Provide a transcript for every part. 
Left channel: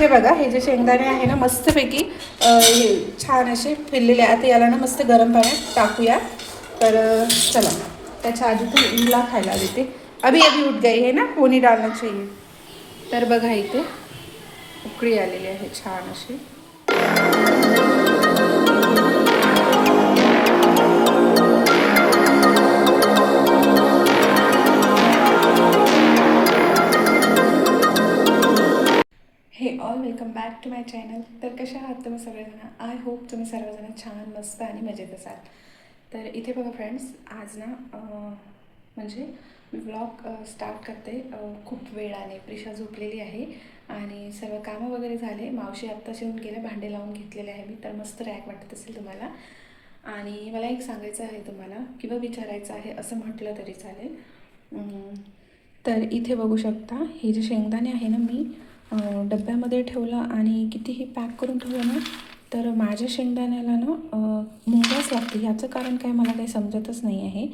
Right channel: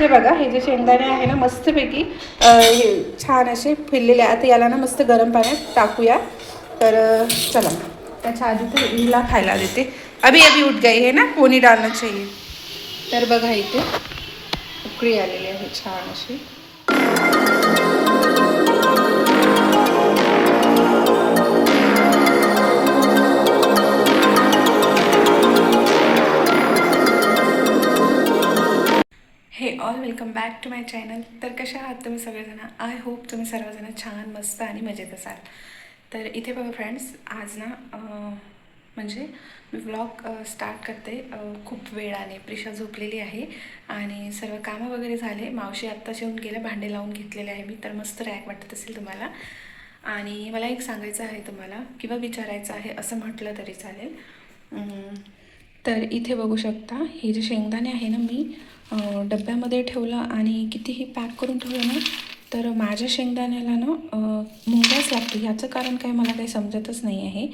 हे बघा, हे जे शेंगदाणे आहे ना मस्तपैकी हे छान असे फिरलेले आहे. आता याला ना मस्त गरम पाण्यात टाकूया. तर चला, त्याच्या आधी तर हिला खायला देते. अभी अभी उठ गई है ना, कोणी डालना चाहिए. तर बघा इथे उकळी आलेली आहे छान अशी. Hey all, welcome back to my channel. तर कशा आहात तुम्ही सगळेजण? आय होप तुम्ही सर्वजण छान मस्त आणि मजेत असाल. तर इथे बघा फ्रेंड्स, आज ना म्हणजे मी व्लॉग स्टार्ट करते खूप वेळाने. प्रिशा झोपलेली आहे आणि सर्व कामं वगैरे झाले. मावशी आत्ताच येऊन गेल्या, भांडे लावून घेतलेले आहे मी. तर मस्त रॅक वाटत असेल तुम्हाला. आणि मला एक सांगायचं आहे तुम्हाला, किंवा विचारायचं आहे असं म्हटलं तरी चालेल. तर इथे बघू शकता, हे जे शेंगदाणे आहे ना मी डब्यामध्ये ठेवलं आणि कितीही पॅक करून ठेवलं ना, तर माझ्या शेंगदाण्याला ना मुंग्याच लागतो. ह्याचं कारण काय मला काही समजतच नाही आहे.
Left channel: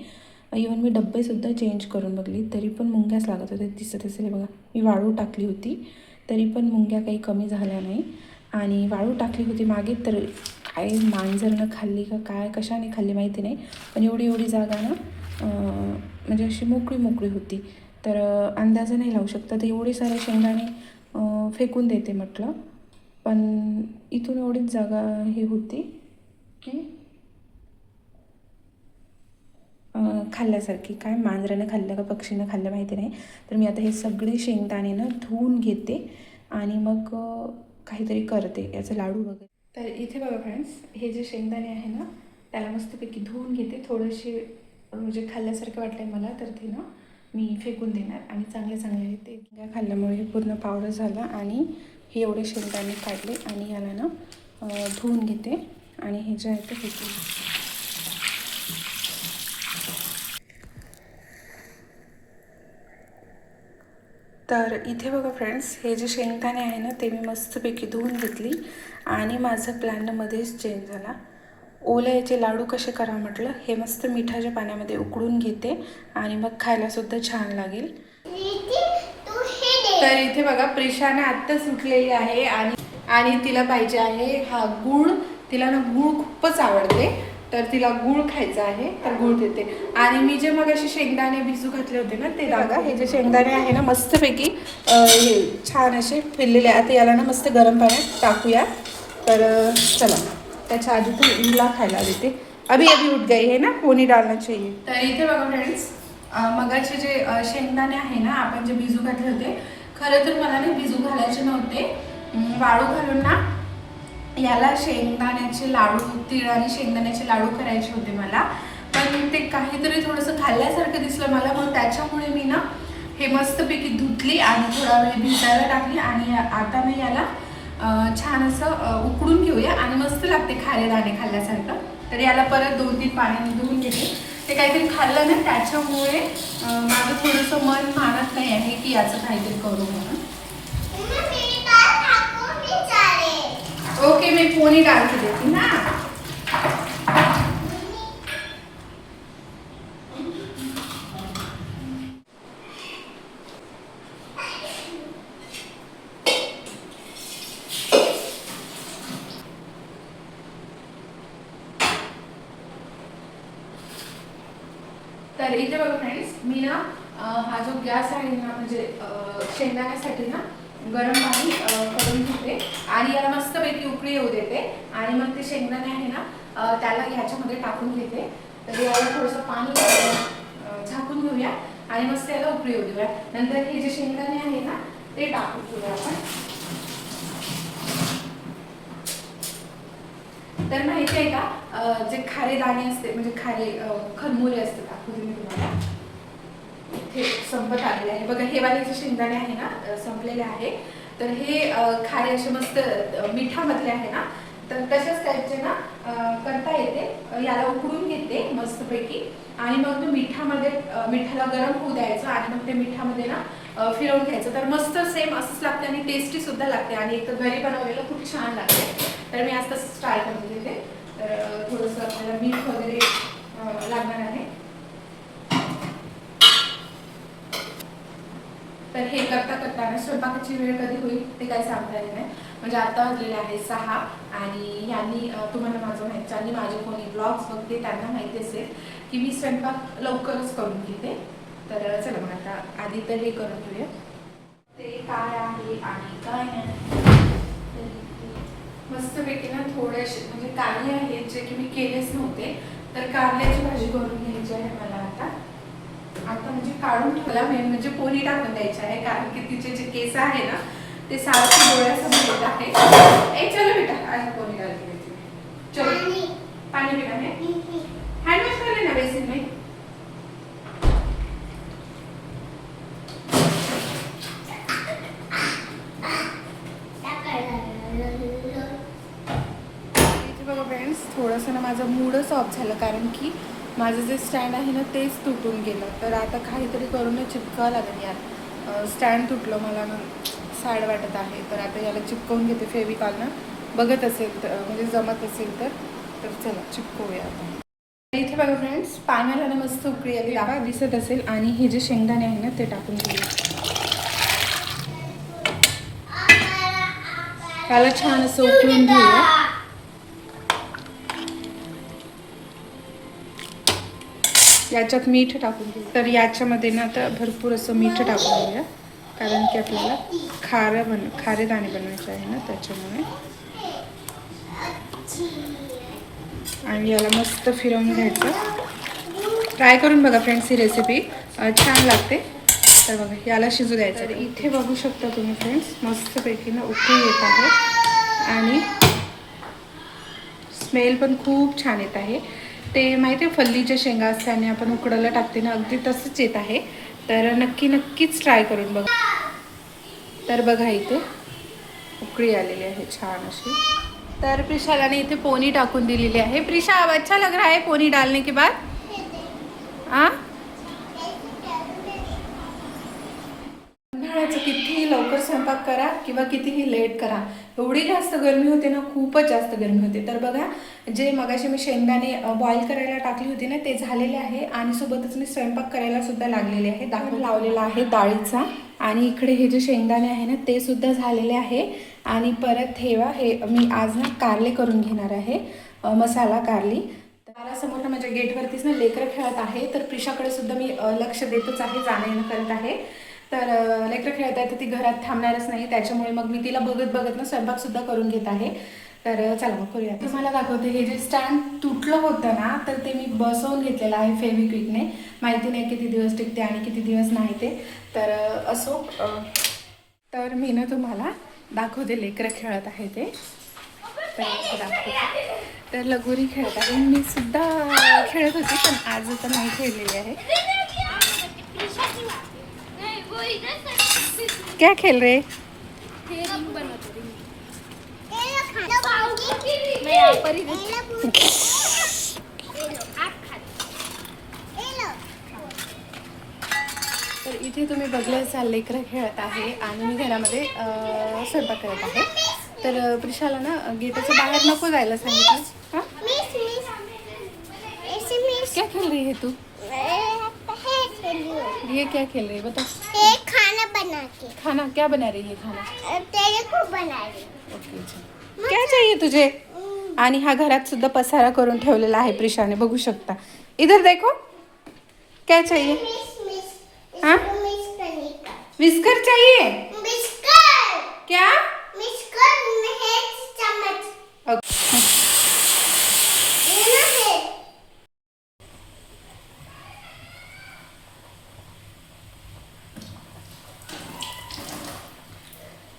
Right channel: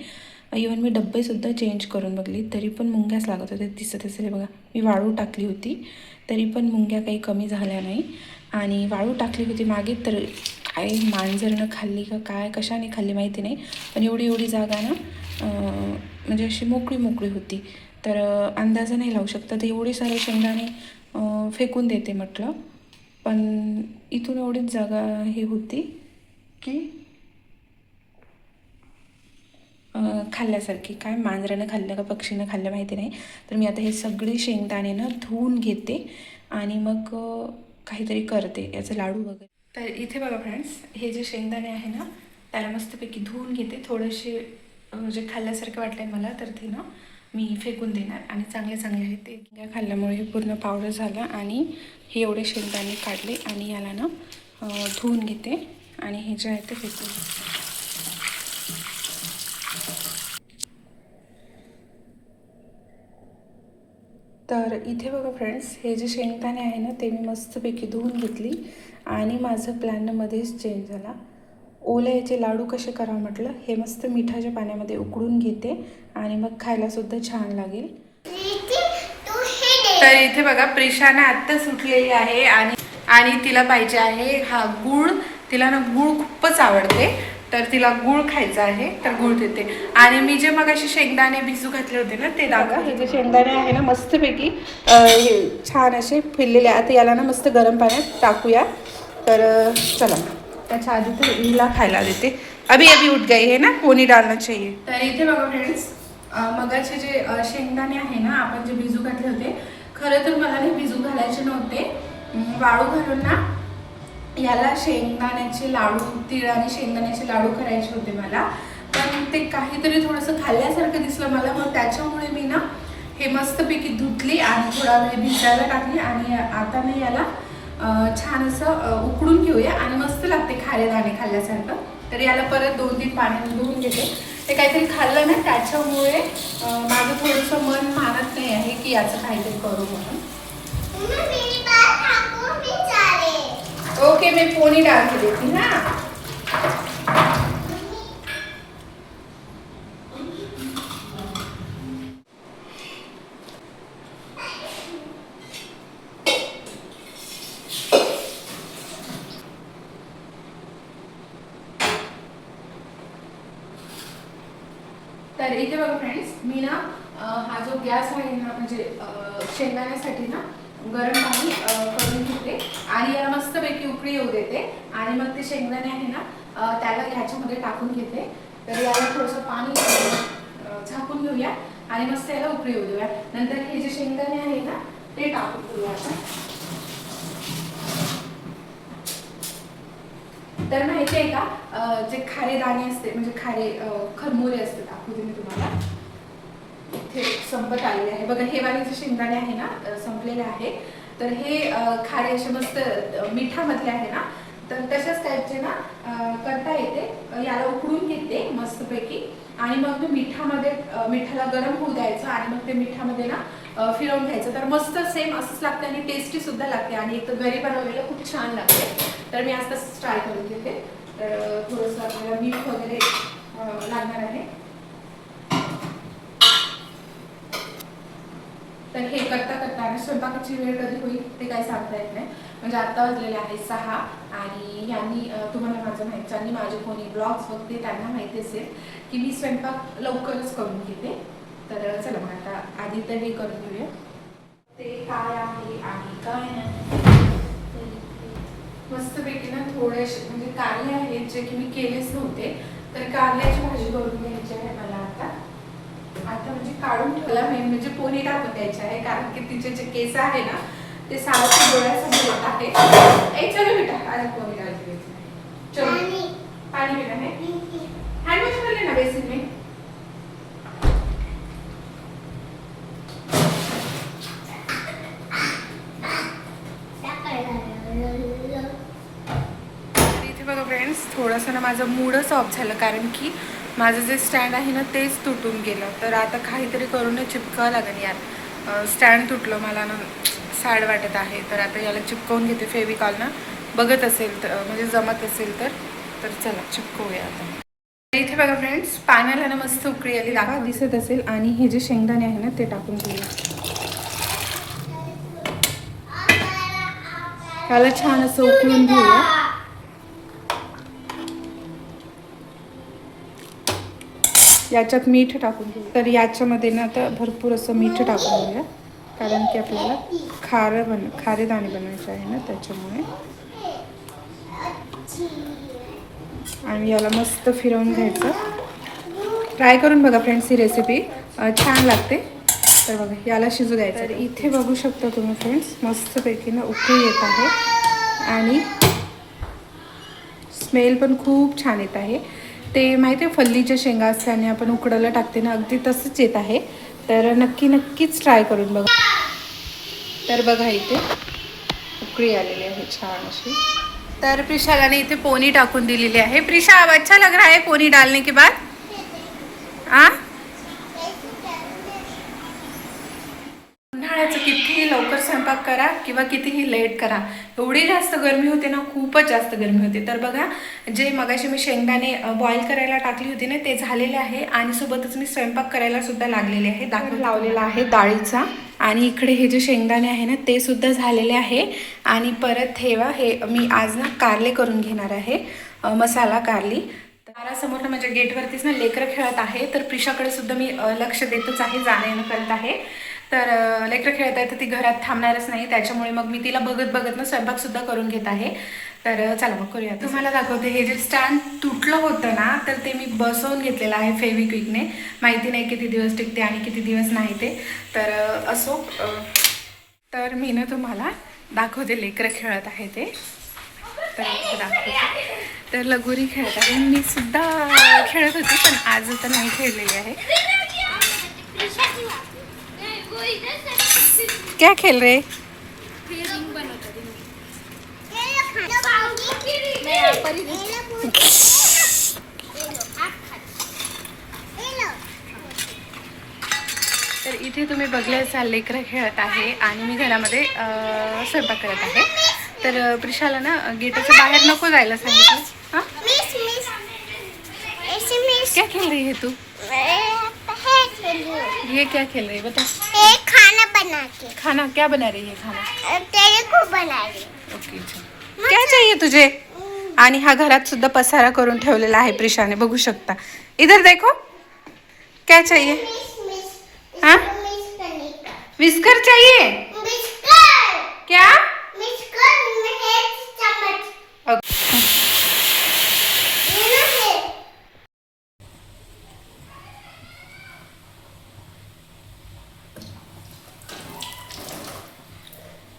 इवन मी डब्बेसुद्धा चेंज करून बघली तरी पण मुंग्याच लागत होते. दिसत असेल बघा, मी वाळू टाकली होती तरी पण मुंग्या काही कमी झाल्या नाही. आणि वाळू टाकली होती मागे, तर काय मांजरनं खाल्ली का काय, कशाने खाल्ली माहिती नाही, पण एवढी एवढी जागा ना म्हणजे अशी मोकळी मोकळी होती. तर अंदाजा नाही लावू शकता. तर एवढे सारे शेंगदाणे फेकून देते म्हटलं, पण इथून एवढीच जागा हे होती की खाल्ल्यासारखी. काय मांजरानं खाल्लं का पक्षीनं खाल्लं माहिती नाही. तर मी आता हे सगळे शेंगदाणे ना धुवून घेते आणि मग काहीतरी करते, याचं लाडू वगैरे. तर इथे बघा फ्रेंड्स, हे जे शेंगदाणे आहे ना त्याला मस्तपैकी धुवून घेते. थोडेसे जे खाल्ल्यासारखं वाटलं मला, तर ते ना मी फेकून देणार. आणि चांगले चांगले आहे ते खाल्ल्यामुळे हे पूर्ण पावडर झालं. आणि हे एवढे शेंगदाणे काढले आणि याला ना धुवून घेते आणि हे जे आहे ते फेकून घेते. तर इथे बघा फ्रेंड्स, हे जे शेंगदाणे आहे ना ते मी मस्तपैकी धुवून घेतली आणि माझं प्लॅनमध्येच चेंज झाला. ओल्याचे लाडू कसे करावं म्हटलं, हे मस्त मिठाच्या पाण्यामध्ये उकळून घेते आणि मग खायलासुद्धा छान लागेल. तर इथे बघा, प्रिशाने आत्ताच उठलेली आहे आणि तिला पाहिजे आहे हा गूळ. तिला ना गूळ खूपच आवडते, तर तिला गूळ खायचा आहे, तर गूळ देते. आणि मी जे मग असे शेंगदाणे भिजू घातले होते ना ते दाखवा. हे जे शेंगदाणे आहे ना मस्तपैकी हे छान असे फिरलेले आहे. आता याला ना मस्त गरम पाण्यात टाकूया. तर चला, त्याच्या आधी तर हिला खायला देते. अभी अभी उठ गई है ना, कोणी डालना चाहिए. तर इथे बघा फ्रेंड्स, मगाचे जे शेंगदाणे आहे ना आपण जे भिजू घातले होते, खरं तर मला नाही भिजू घालायचे नव्हते. वाळू घालून ना याला शेंगदाण्याचे लाडू, तीळ आणि शेंगदाण्याचे लाडू करायचे होते मला. पण ते काहीतरी थोडंसं खाल्ल्यासारखं दिसलं मला, मग त्याच्यामुळे मी ना हे मस्तपैकी धुतली आणि थोडा वेळ भिजायला टाकली. आणि आता ना याला छान असं उकडून घेऊया आणि मस्त लागते खारे दाणे खाल्ल्यासारखं. तर याला परत 2-3 पाण्याने धुवून घेते. ते काहीतरी खाल्लं ना त्याच्यामुळे माझं थोडंसं मन मानत नाही आहे की याचं काहीतरी करू म्हणून. ओके, मी पोनी डाल के देती ना. तर इथे बघा फ्रेंड्स, मी ना हा जो गॅस आहे ना म्हणजे शेंगदाण्यासाठी ना गरम पाणी करून घेते आणि याला मस्तपैकी उकळी येऊ देते. आणि मग ते शेंगदाणे आहे ना त्याला ह्याच्यामध्ये टाकून घेते. तर याला थोडंसं पाणी झाकून घेऊया आणि मस्त याला उकळी येऊ देऊया. नंतर हे जे शेंगदाणे आहे ना ते टाकून घेऊया आपण. तर माहिती आहे का, जे खारे दाणे असते म्हणजे खारे खरमुरे असते, दाखवते मी तुम्हाला. इथे संपत आलेले आहे बघा, हे वाले जे शेंगदाणे आहे ना संपलेले आहे. तर हे खारे असे मस्त मिठामधले आहे ना, तर तशाच टाईपचे ना करता येते. याला उकडून घेते मस्तपैकी आणि मग ते मिठाला गरम होऊ द्यायचं आणि मग ते मिठामध्ये ना फिरवून घ्यायचं. तर मस्त सेम असंच लागते आणि टेस्टी सुद्धा लागते आणि एक तर घरी बनवलेलं खूप छान लागते. तर मी आज तसंच ट्राय करून घेते. तर थोडंसं आपल्याला मीठ वगैरे लागणार आहे. तर हे करता करता ना स्वयंपाकाची वेळ कधी होईल ते काही सांगता येत नाही. म्हणजे आता वाजलेले आहे 6 आणि यांनी तुम्हाला माझं माहीत ज्यांनी माझे कोणी ब्लॉग्स बघते त्यांना माहिती असेल की मी स्वयंपाक लवकरच करून घेते. तर चला मग आता आधी तर हे करून घेऊया ते काय आहे आणि काय नाही. मस्तपैकी ना थोडेसे म्हणजे कारले आहेत जे की मी केलेच नव्हते. तर कारल्याची भाजी करून घ्यायची आहे मला आता. आता म्हणजे काढून ठेवला म्हणजे पोळी टाकून द्यायची आहे कारण की तिचे जे केस आहे ना ते सारखे डोळ्यासमोर येत आहे. ए चलो बेटा आज पोळी डालते चलो पानी पीना है हैंड वॉश कर लेना बेसिन में. इथे बघा फ्रेंड्स थोडंसं ना माझं मूडच ऑफ झालं कारण की माझं जे स्टँड आहे ना तेच तुटून गेलं. तर आता काहीतरी करून चिपकावं लागेल यार. स्टँड तुटलं मला ना सॅड वाटत आहे. तर आता याला चिपकवून घेते फेविकॉल ना बघत असेल तर म्हणजे जमत असेल तर चला चिपकवूया आता. इथे बघा फ्रेंड्स पाण्याला ना मस्त उकळी आली दाखवा दिसत असेल आणि हे जे शेंगदाणे आहे ना ते टाकून घेऊया. त्याला छान असं उकळून घेऊया. याच्यात मीठ टाकून घेऊ. तर याच्यामध्ये ना आता भरपूर असं मीठ टाकून घेऊया कारण की आपल्याला खारे दाणे बनवायचे आहे ना त्याच्यामुळे. आणि याला मस्त फिरवून घ्यायचं. ट्राय करून बघा फ्रेंड्स ही रेसिपी छान लागते. तर बघा याला शिजू द्यायचं. तर इथे बघू शकता तुम्ही फ्रेंड्स मस्तपैकी ना उकळी येत आहे आणि स्मेल पण खूप छान येत आहे. ते माहिती आहे फल्लीच्या शेंगा असताना आपण उकडायला टाकते ना अगदी तसंच येत आहे. तर नक्कीच ट्राय करून बघा. तर बघा इथे उकळी आलेली आहे छान अशी. तर प्रिशालाने इथे पोनी टाकून दिलेली आहे. प्रिशा अब अच्छा लग रहा है पोनी डालने के बाद. उन्हाळ्याचं कितीही लवकर स्वयंपाक करा किंवा कितीही लेट करा एवढी जास्त गरमी होते ना खूपच जास्त गरमी होते. तर बघा जे मगाशी मी शेंगदाणे बॉईल करायला टाकली होती ना ते झालेले आहे आणि सोबतच मी स्वयंपाक करायला सुद्धा लागलेले आहे. दाखवून लावलेला आहे डाळीचा. आणि इकडे हे जे शेंगदाणे आहे ना ते सुद्धा झालेले आहे. आणि परत हे मी आज ना कारले करून घेणार आहे मसाला कारली. दारासमोर ना म्हणजे गेटवरतीच ना लेकरं खेळत आहे. तर प्रिशाकडे सुद्धा मी लक्ष देतच आहे जाणं येणं करत आहे. तर लेकरं खेळत आहे तर ती घरात थांबणारच नाही त्याच्यामुळे मग मी तिला बघत ना स्वयंपाकसुद्धा करून घेत आहे. तर चला मग करूया. तुम्हाला दाखवते हे जे स्टँड तुटलं होतं ना तर ते मी बसवून घेतलेलं आहे फेविक्विकने. माहिती नाही किती दिवस टिकते आणि किती दिवस नाही ते. तर असो तर मी ना तुम्हाला दाखवते लेकरं खेळत आहे ते. तर दाखवते. तर लगोरी खेळत आहे. मी सुद्धा खेळत होती पण आज तर नाही खेळलेली आहे. क्या खेल रहे? तर इथे तुम्ही बघले असाल लेकरं खेळत आहे आणि मी घरामध्ये स्वयंपाक करत आहे. तर प्रिशाला ना गेटाच्या बाहेर नको जायला सांगितलं. हाँ क्या खेल रही है तू? ये क्या खेल रही है बता. खाना बना के. खाना क्या बना रही है खाना? तेरे को बना रही. ओके क्या चाहिए तुझे? आणि हा घरात सुद्धा पसारा करून ठेवलेला आहे प्रिशाने बघू शकता. इधर देखो क्या चाहिए. हाँ विस्कर चाहिए. क्या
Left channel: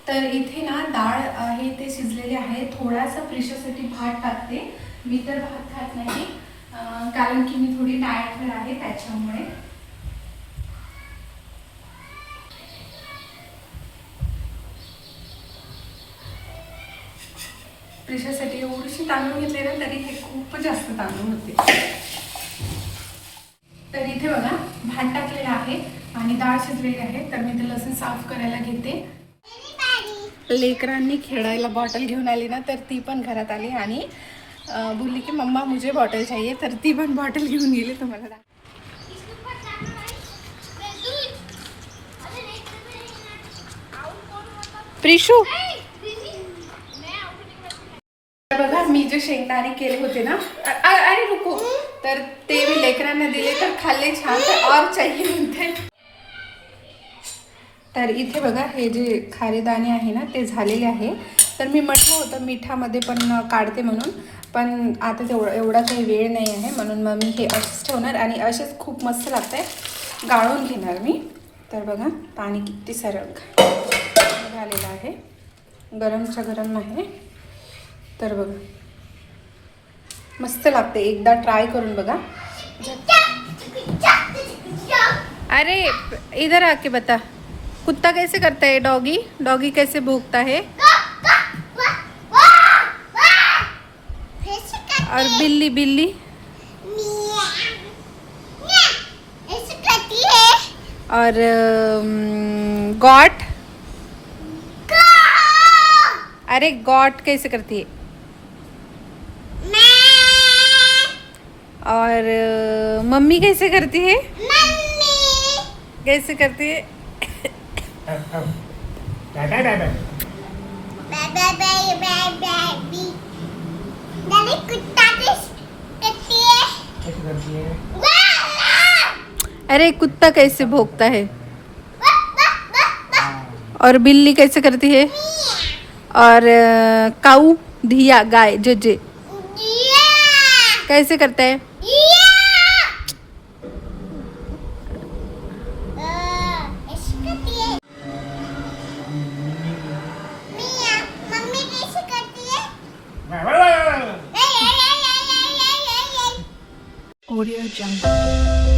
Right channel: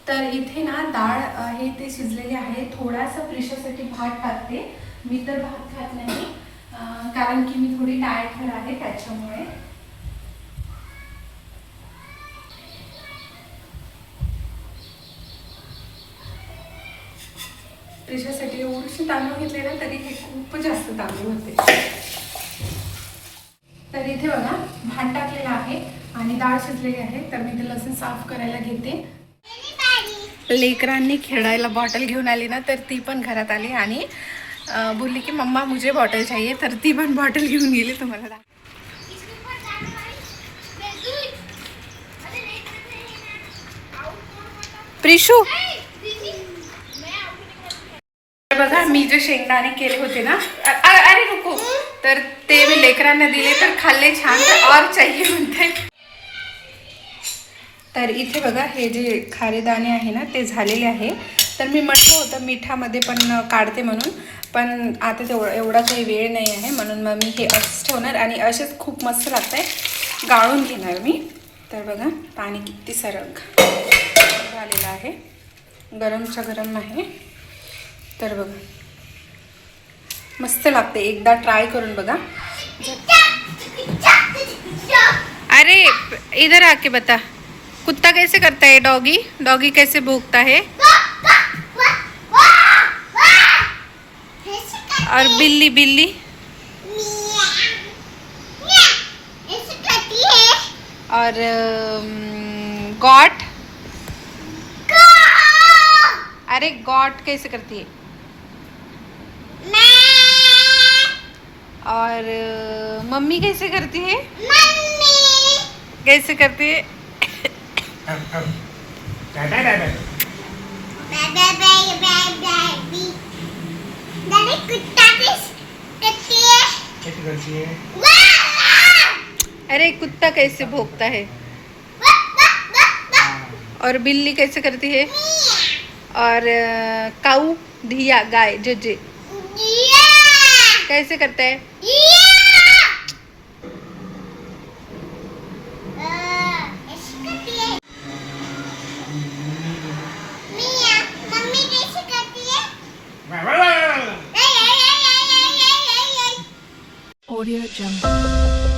तर इथे ना डाळ आहे ते शिजलेले आहे. थोडासा प्रिशासाठी भात टाकते. मी तर भात खात नाही कारण की मी थोडी डाएटवर आहे त्याच्यामुळे. प्रिशासाठी एवढीशी तांदूळ घेतले ना तरी हे खूप जास्त तांदूळ होते. तर इथे बघा भात टाकलेला आहे आणि डाळ शिजलेली आहे. तर मी ते लसूण साफ करायला घेते. लेकरांनी खेळायला बॉटल घेऊन आली ना तर ती पण घरात आली आणि बोलली की मम्मा मुझे बॉटल चाहिए. तर ती पण बॉटल घेऊन गेली. तुम्हाला प्रिशू बघा मी जे शेंगदाणे केले होते ना अरे नको तर ते मी लेकरांना दिले तर खाल्ले छान तर और चाहिए म्हणते. तर इथे बघा हे जे खारे दाणे आहे ना ते झालेले आहे. तर मी म्हटलं होतं मिठामध्ये पण काढते म्हणून पण आता एवढा काही वेळ नाही आहे म्हणून मग मी हे असंच ठेवणार आणि असेच खूप मस्त लागत आहे गाळून घेणार मी. तर बघा पाणी किती सारं झालेलं आहे गरमच्या गरम आहे. तर बघा मस्त लागते एकदा ट्राय करून बघा. अरे इधर आके बता कुत्ता कैसे करता है डॉगी डॉगी कैसे भूखता है और बिल्ली बिल्ली और गॉट अरे गॉट कैसे करती है और मम्मी कैसे करती है कैसे करती है अरे कुत्ता कैसे भौंकता है और बिल्ली कैसे करती है और काऊ धिया गाय जे कैसे करता है Audio Jungle.